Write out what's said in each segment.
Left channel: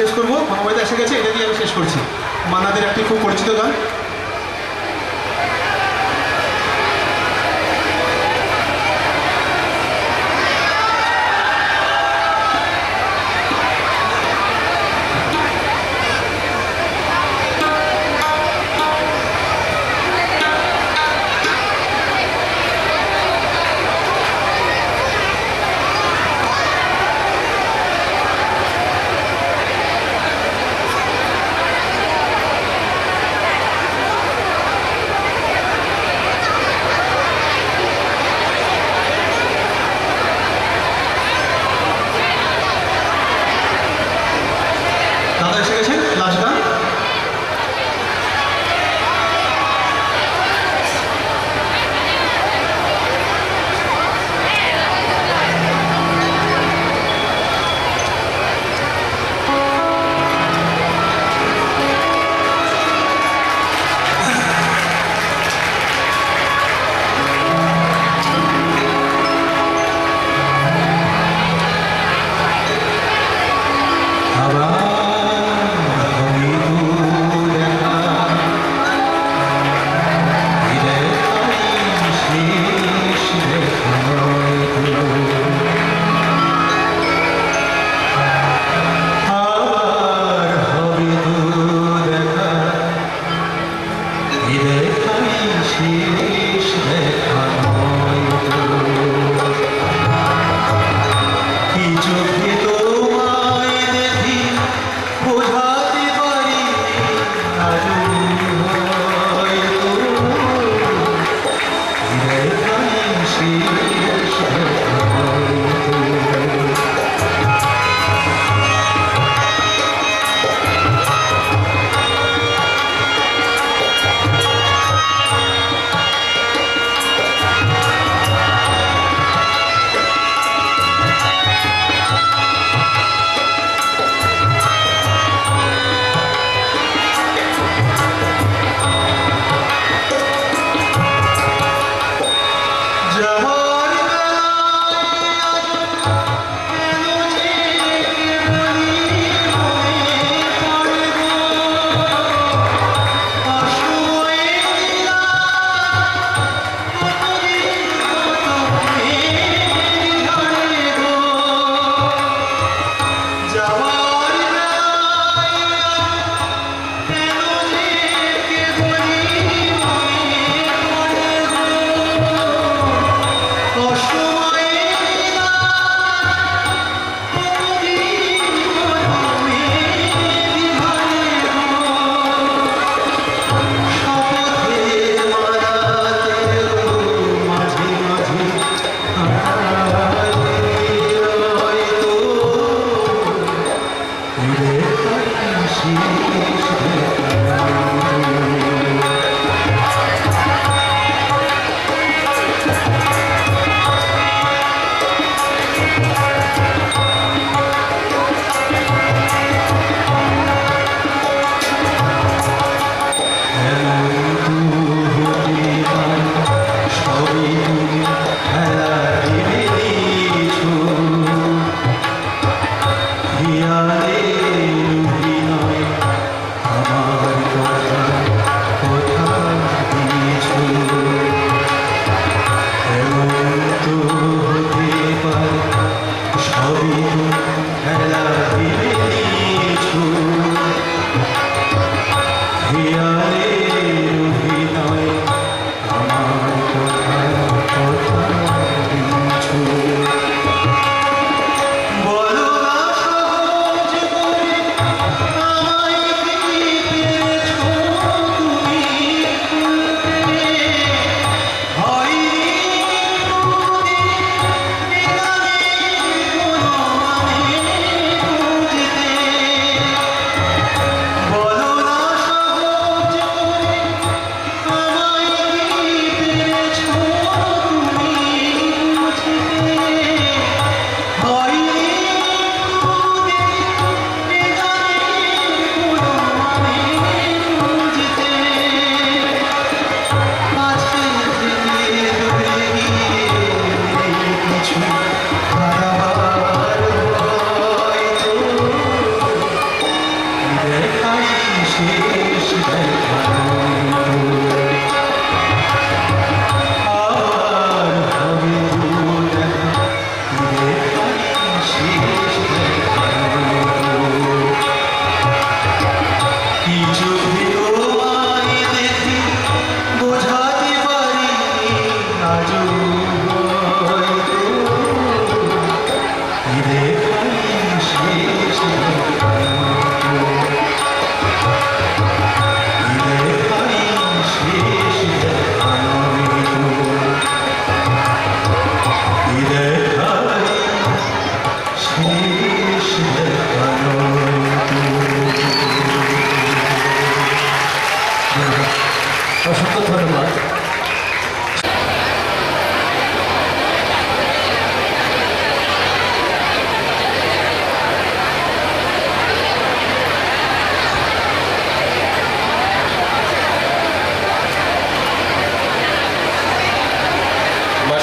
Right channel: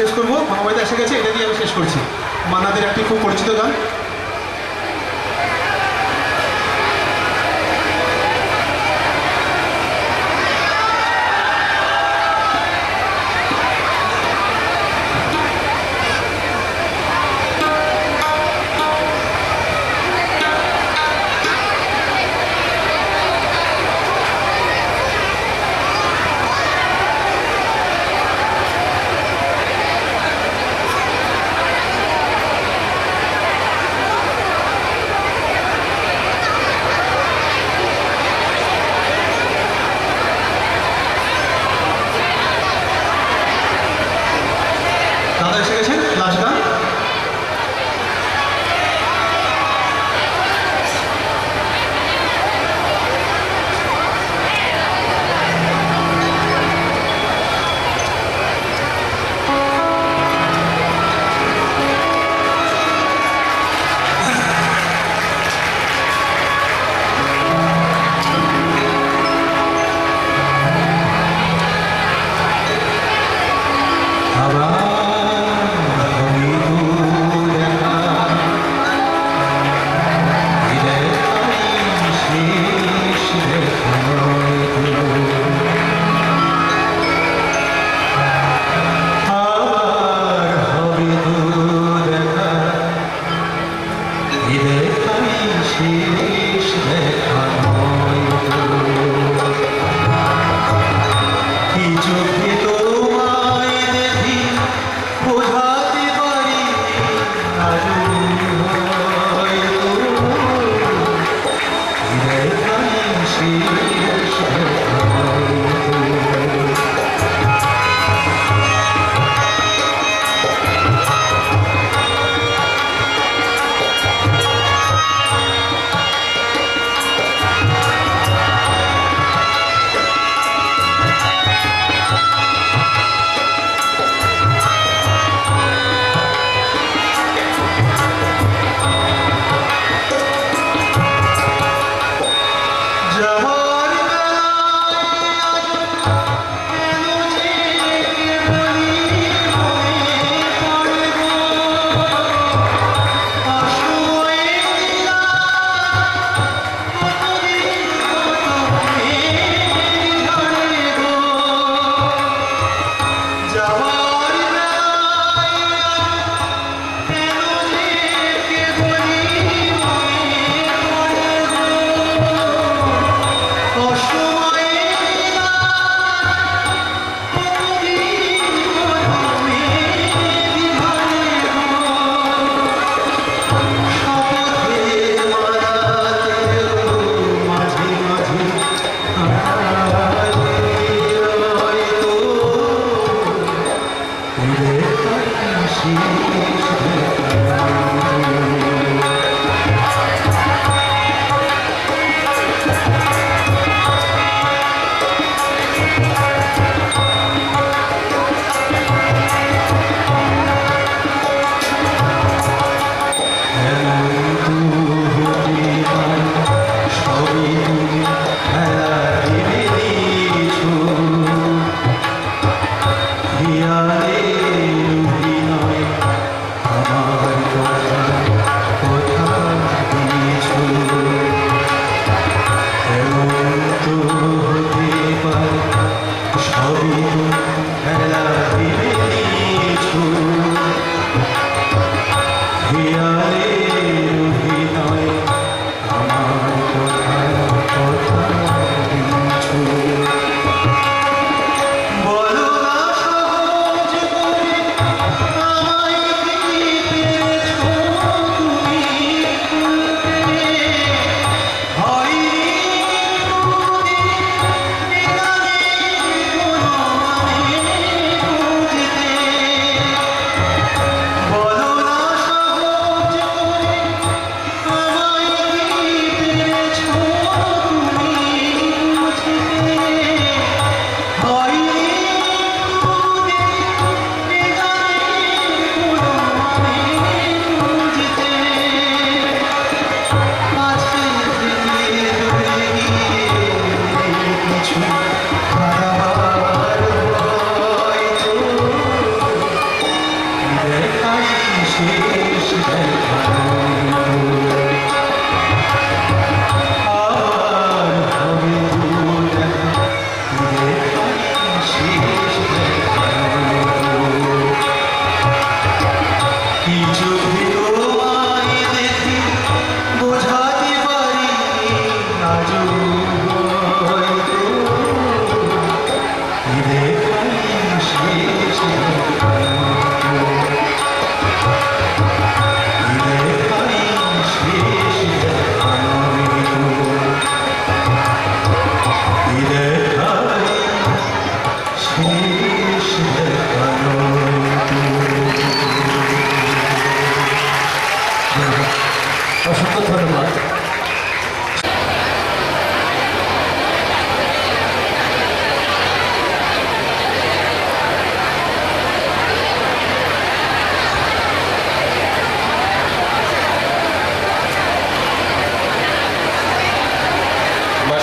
শেষ করবো। মামাবাড়িতে এসে গেছে, এটা দিয়ে আমি শেষ করছি। মান্নাদের একটি খুব পরিচিত গান।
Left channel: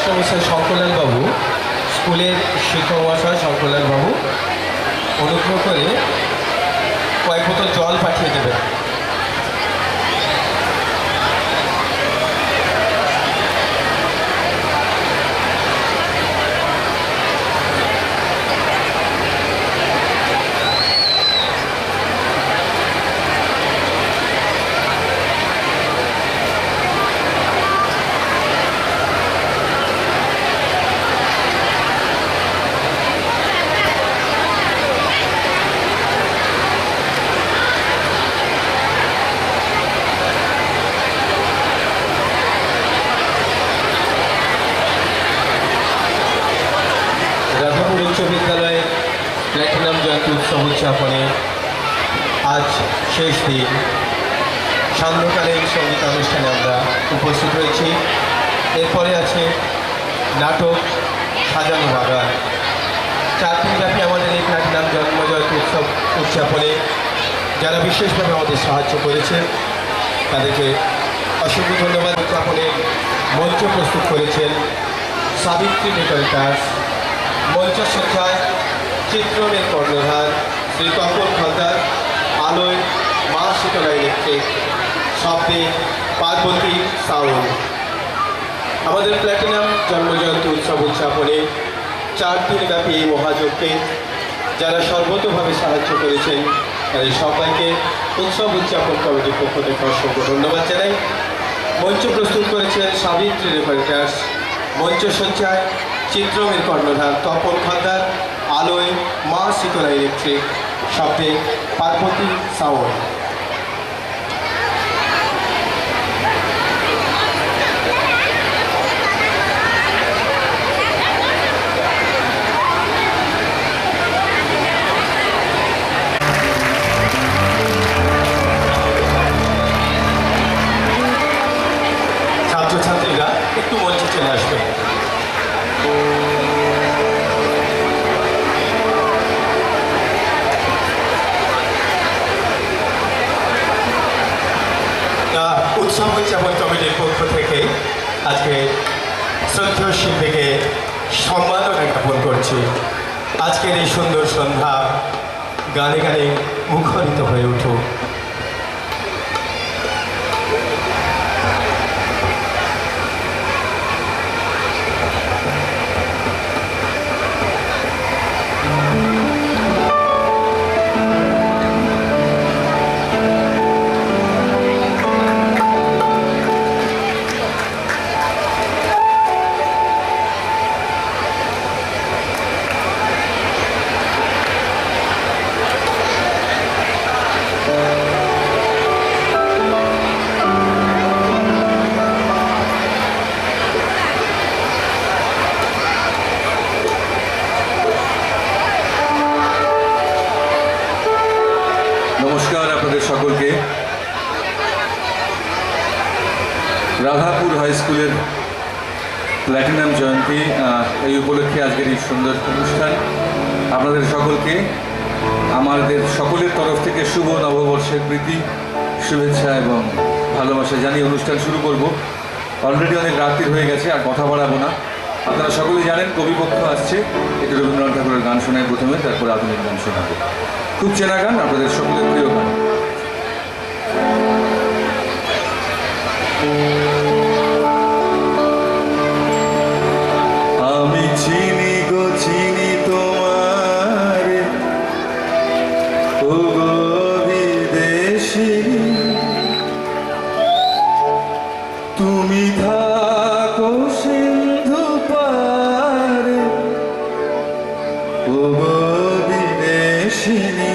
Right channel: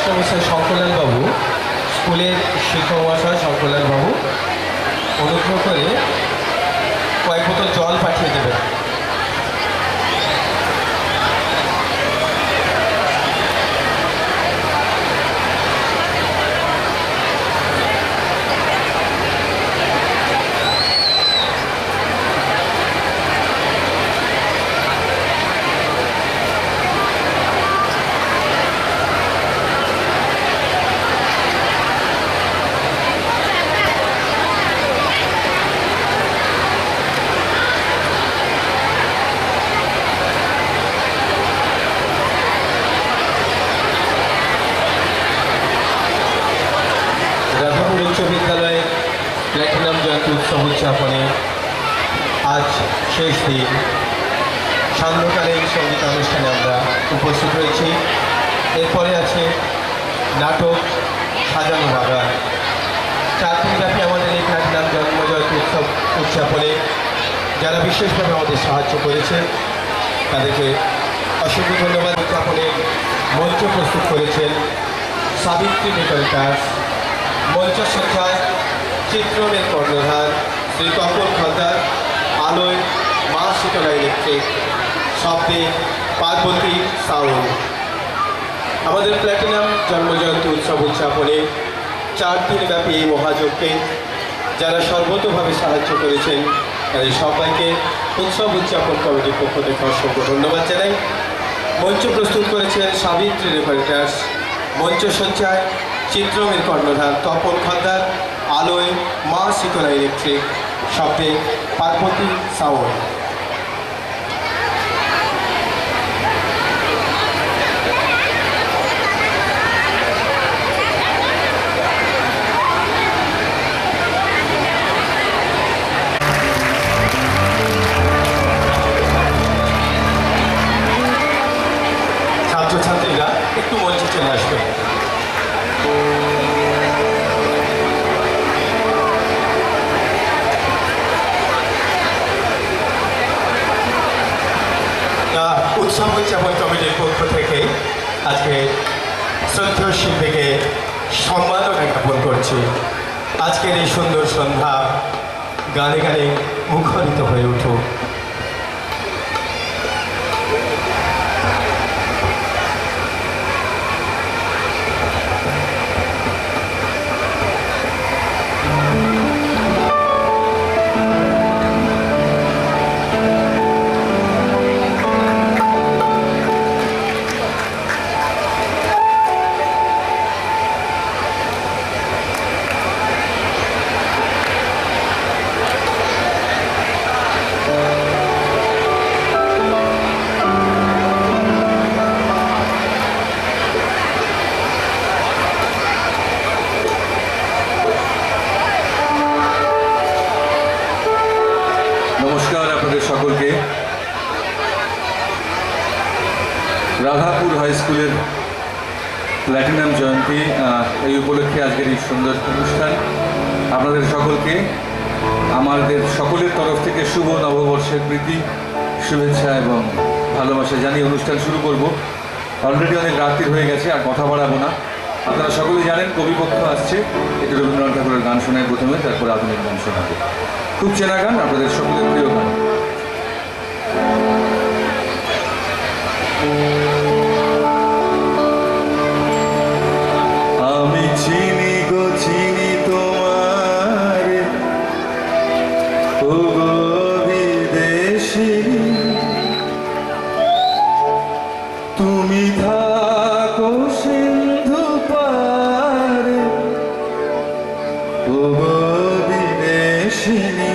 মাস্টারমশাই শঙ্করলাল বাবু, স্কুলের শিক্ষক মহাশয় শঙ্করলাল বাবু, অনুগ্রহ করে কয়েক বোতল জল পাঠিয়ে দেবেন। রাধাপুর উচ্চ বিদ্যালয়ের প্ল্যাটিনাম জয়ন্তী উৎসব উদযাপনে আজ শেষ দিন। সান্ধ্যকালীন সঙ্গীতানুষ্ঠানে আমরা উপস্থিত হয়েছি। এরপরে আছে নাটক সাজানো বাগান। 4 দিনব্যাপী আমাদের এই প্ল্যাটিনাম জন্মজয়ন্তী উৎসব উদযাপনে যারা বিশেষভাবে আমাদের সাহায্য করেছেন তাদেরকে অসংখ্য ধন্যবাদ। উদযাপনে মঞ্চ প্রস্তুত করেছেন সাবিত্রী ডেকোরেটার্স, মঞ্চসজ্জায় চিত্রণের কর্ণধার শ্রী তপন খলদার, আলোয় মা শীতলা ইলেকট্রিক, শব্দে পার্বতী সাউন্ড। আমাদের প্ল্যাটিনাম জন্মজয়ন্তী উৎসব উদযাপনে 4 দিনব্যাপী এই মহাযজ্ঞে যারা সর্বতভাবে সাহায্য করেছেন তাদের সবাইকে উৎসব উদযাপন কমিটির পক্ষ থেকে অসংখ্য ধন্যবাদ জানাই। মঞ্চ প্রস্তুত করেছেন সাবিত্রী ডেকোরেটার্স, মঞ্চসজ্জায় চিত্রমের কর্ণধার তপন খলদার, আলোয় মা শীতলা ইলেকট্রিক, শব্দে পার্বতী সাউন্ড। ছাত্রছাত্রীরা একটু মঞ্চে চলে আসবে। উৎসব উদযাপন কমিটির পক্ষ থেকে আজকে শ্রদ্ধেয় শিল্পীকে সম্মাননা জ্ঞাপন করছি। আজকের এই সুন্দর সন্ধ্যা গানে গানে মুখরিত হয়ে উঠুক। নমস্কার আপনাদের সকলকে। রাধাপুর হাই স্কুলের প্ল্যাটিনাম জয়ন্তী, এই উপলক্ষে আজকের এই সুন্দর অনুষ্ঠান। আপনাদের সকলকে আমাদের সকলের তরফ থেকে শুভ নববর্ষের প্রীতি, শুভেচ্ছা এবং ভালোবাসা জানিয়ে অনুষ্ঠান শুরু করব। অলরেডি অনেক রাত্রি হয়ে গেছে, আর কথা বাড়াবো না। আপনারা সকলেই জানেন কবিপক্ষ আসছে, একটু রবীন্দ্রনাথ ঠাকুরের গান শোনায় প্রথমে, তারপর আধুনিক গান শোনাবো। খুব চেনা গান, আপনাদের সকলের প্রিয় গান। আমি চিনি গো চিনি তোমার, ও গো বিদেশিনী, তুমি থাকো সিন্ধু পারে, ও গো বিদেশিনী।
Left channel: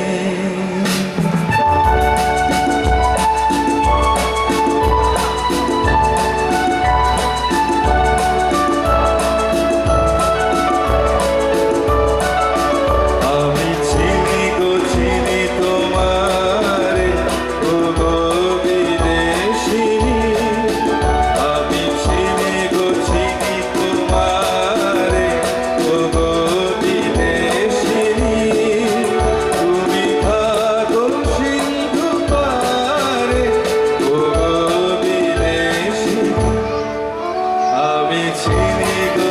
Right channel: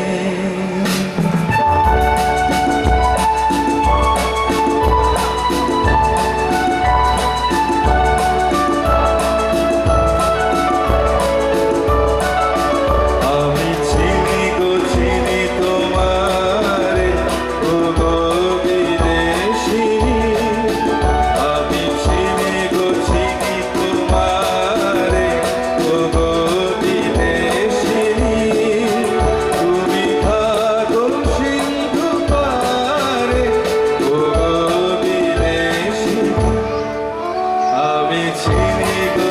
আমি চিনি গো চিনি তোমার, ও গো বিদেশিনী, আমি চিনি গো চিনি তোমার, ও গো বিদেশিনী, তুমি থাকো সিন্ধু পারে, ও গো বিদেশিনী। আমি চিনি গো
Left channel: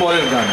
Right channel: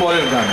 পরের গান।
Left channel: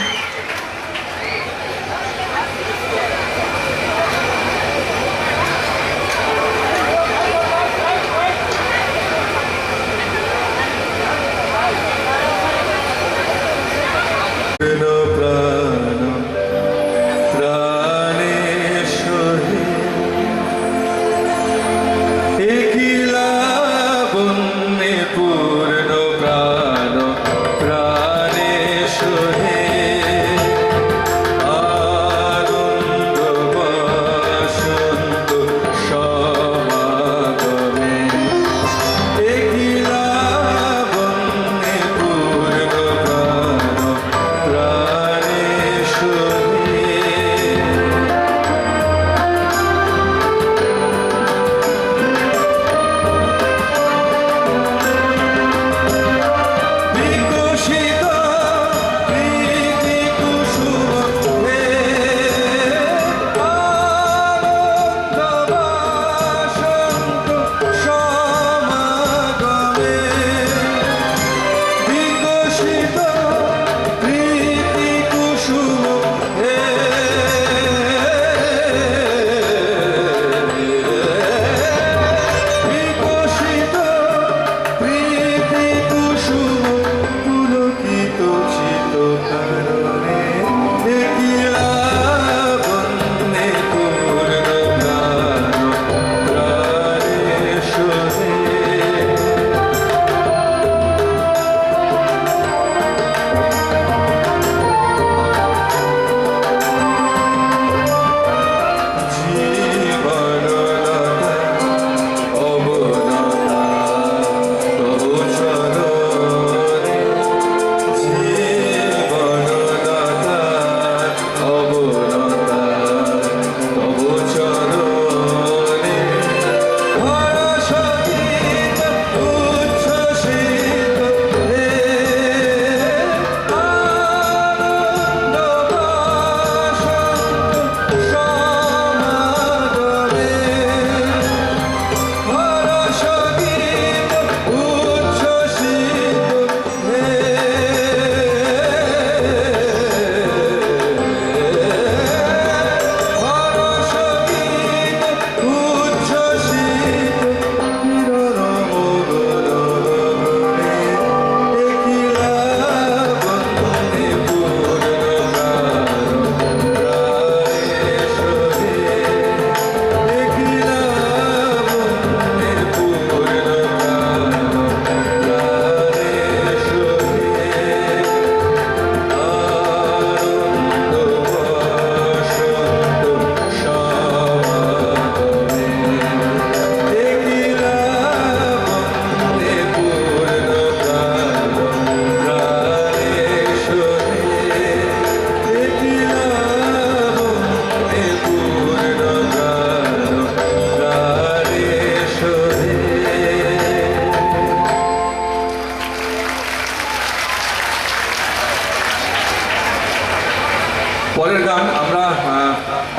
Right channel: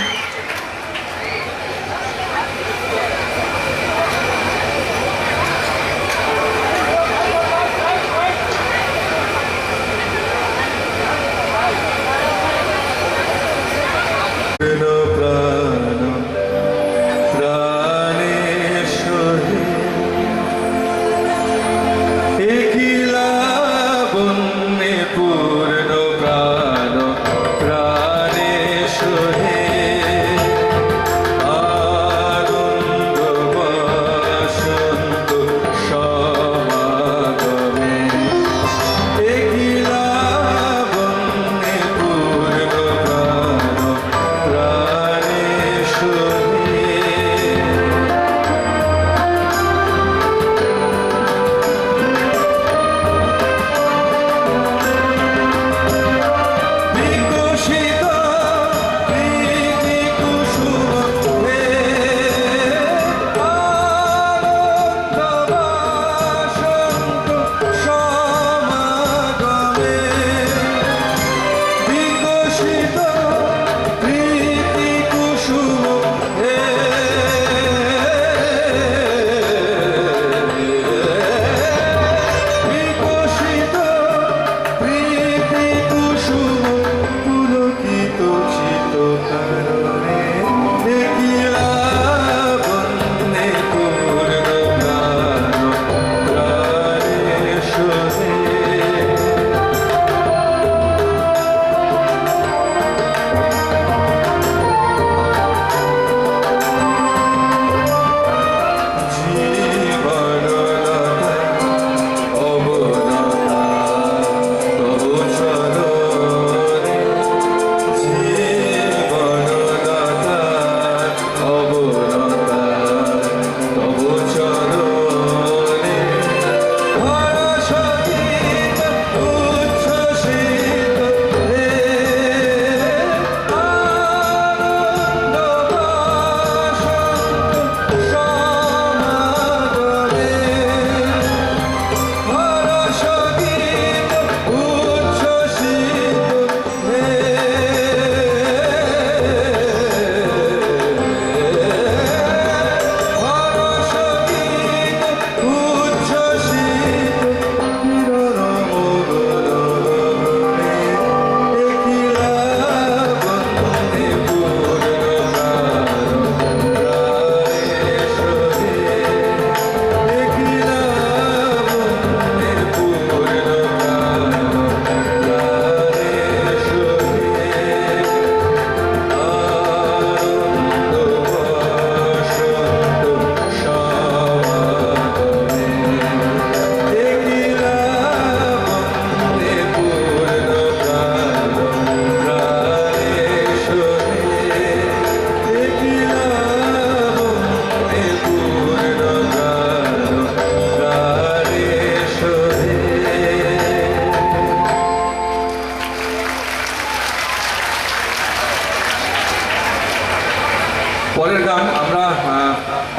পরের গান আমরা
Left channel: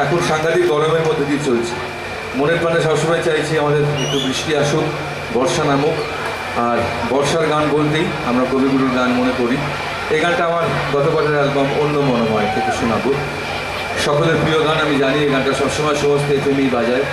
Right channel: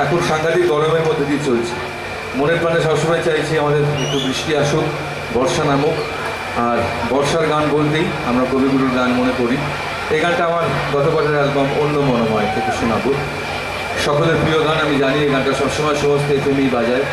এখন সাংঘাতিক গরমের মধ্যে দিয়ে চলছি। মনের প্রাণে সবসময় চাইছি আমাদের একটু বৃষ্টি আসুক, বর্ষা নামুক। আর বর্ষার গান বলতেই আমরা কবিগুরুর গান মনে করি। এই গানটা আমার গতবারের অ্যালবাম অন্য মনোময় থেকে শোনাবো। সকলের প্রিয় গান, আমি জানি এই গানটা সবসময় সমস্ত এফএমই বাজায়।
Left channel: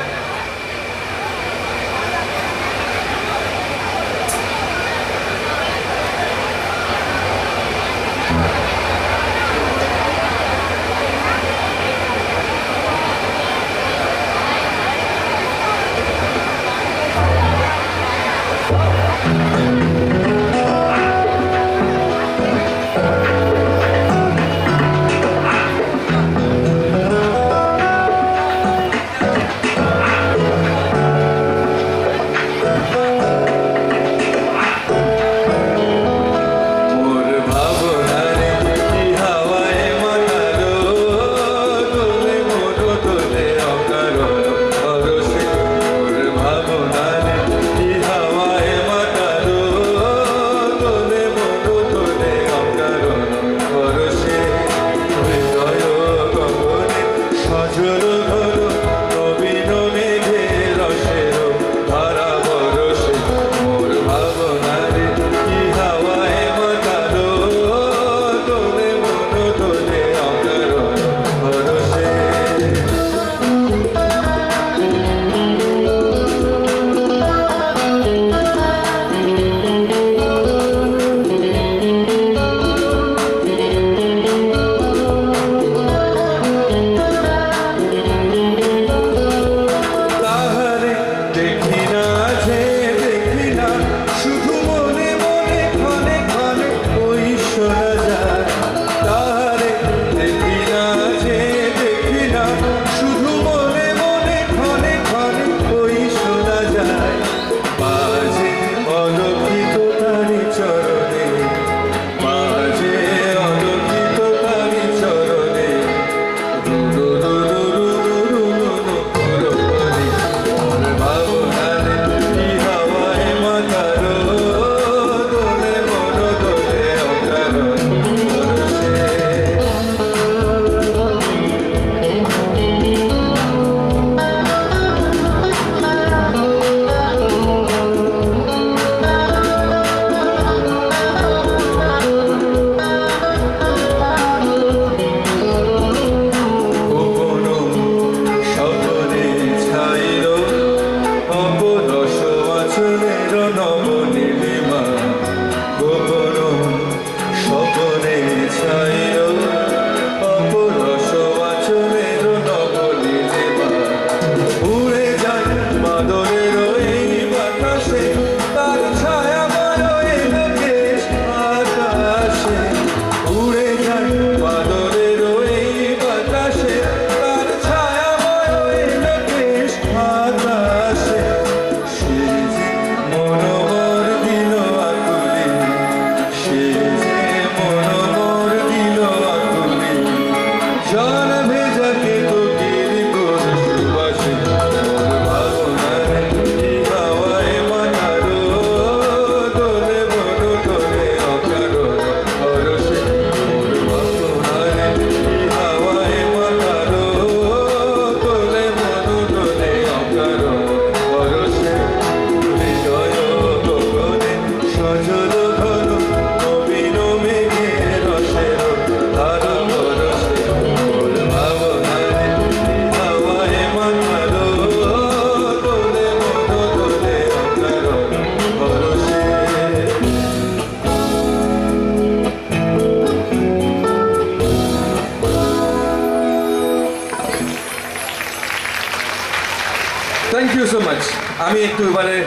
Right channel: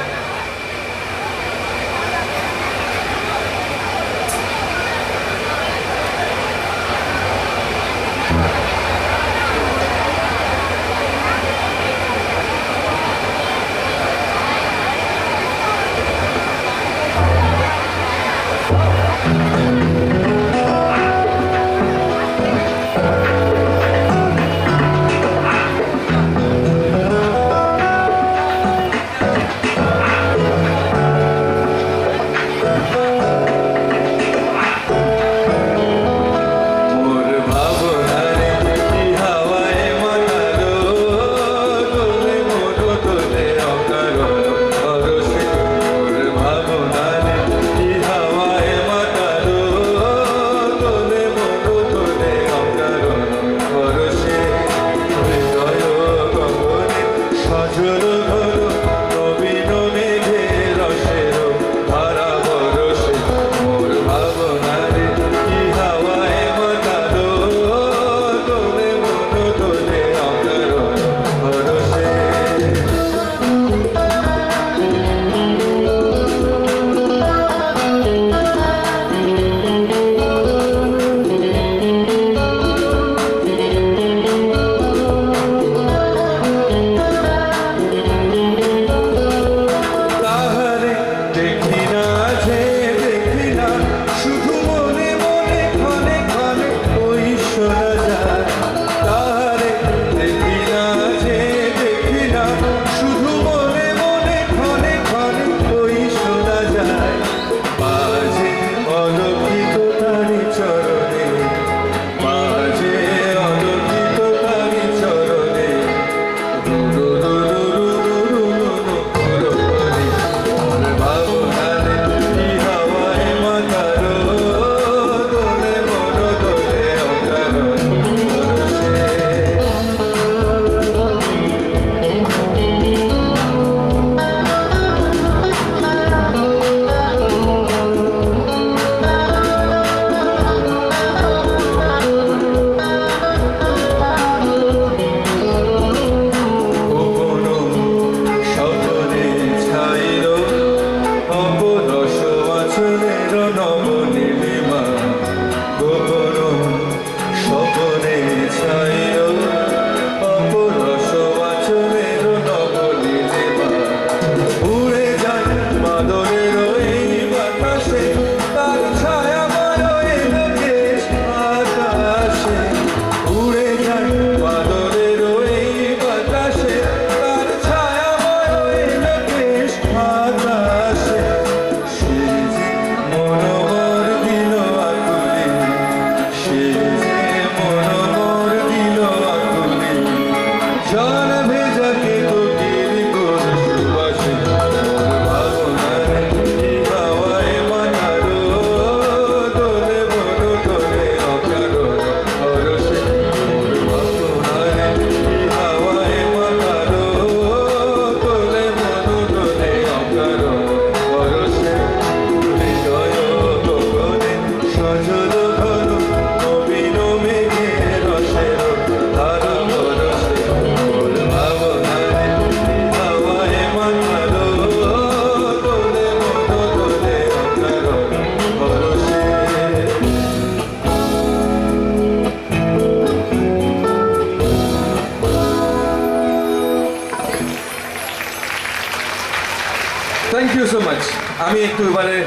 মাচ। আমি একটু এবারে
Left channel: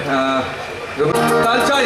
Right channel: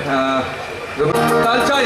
তাল চাই।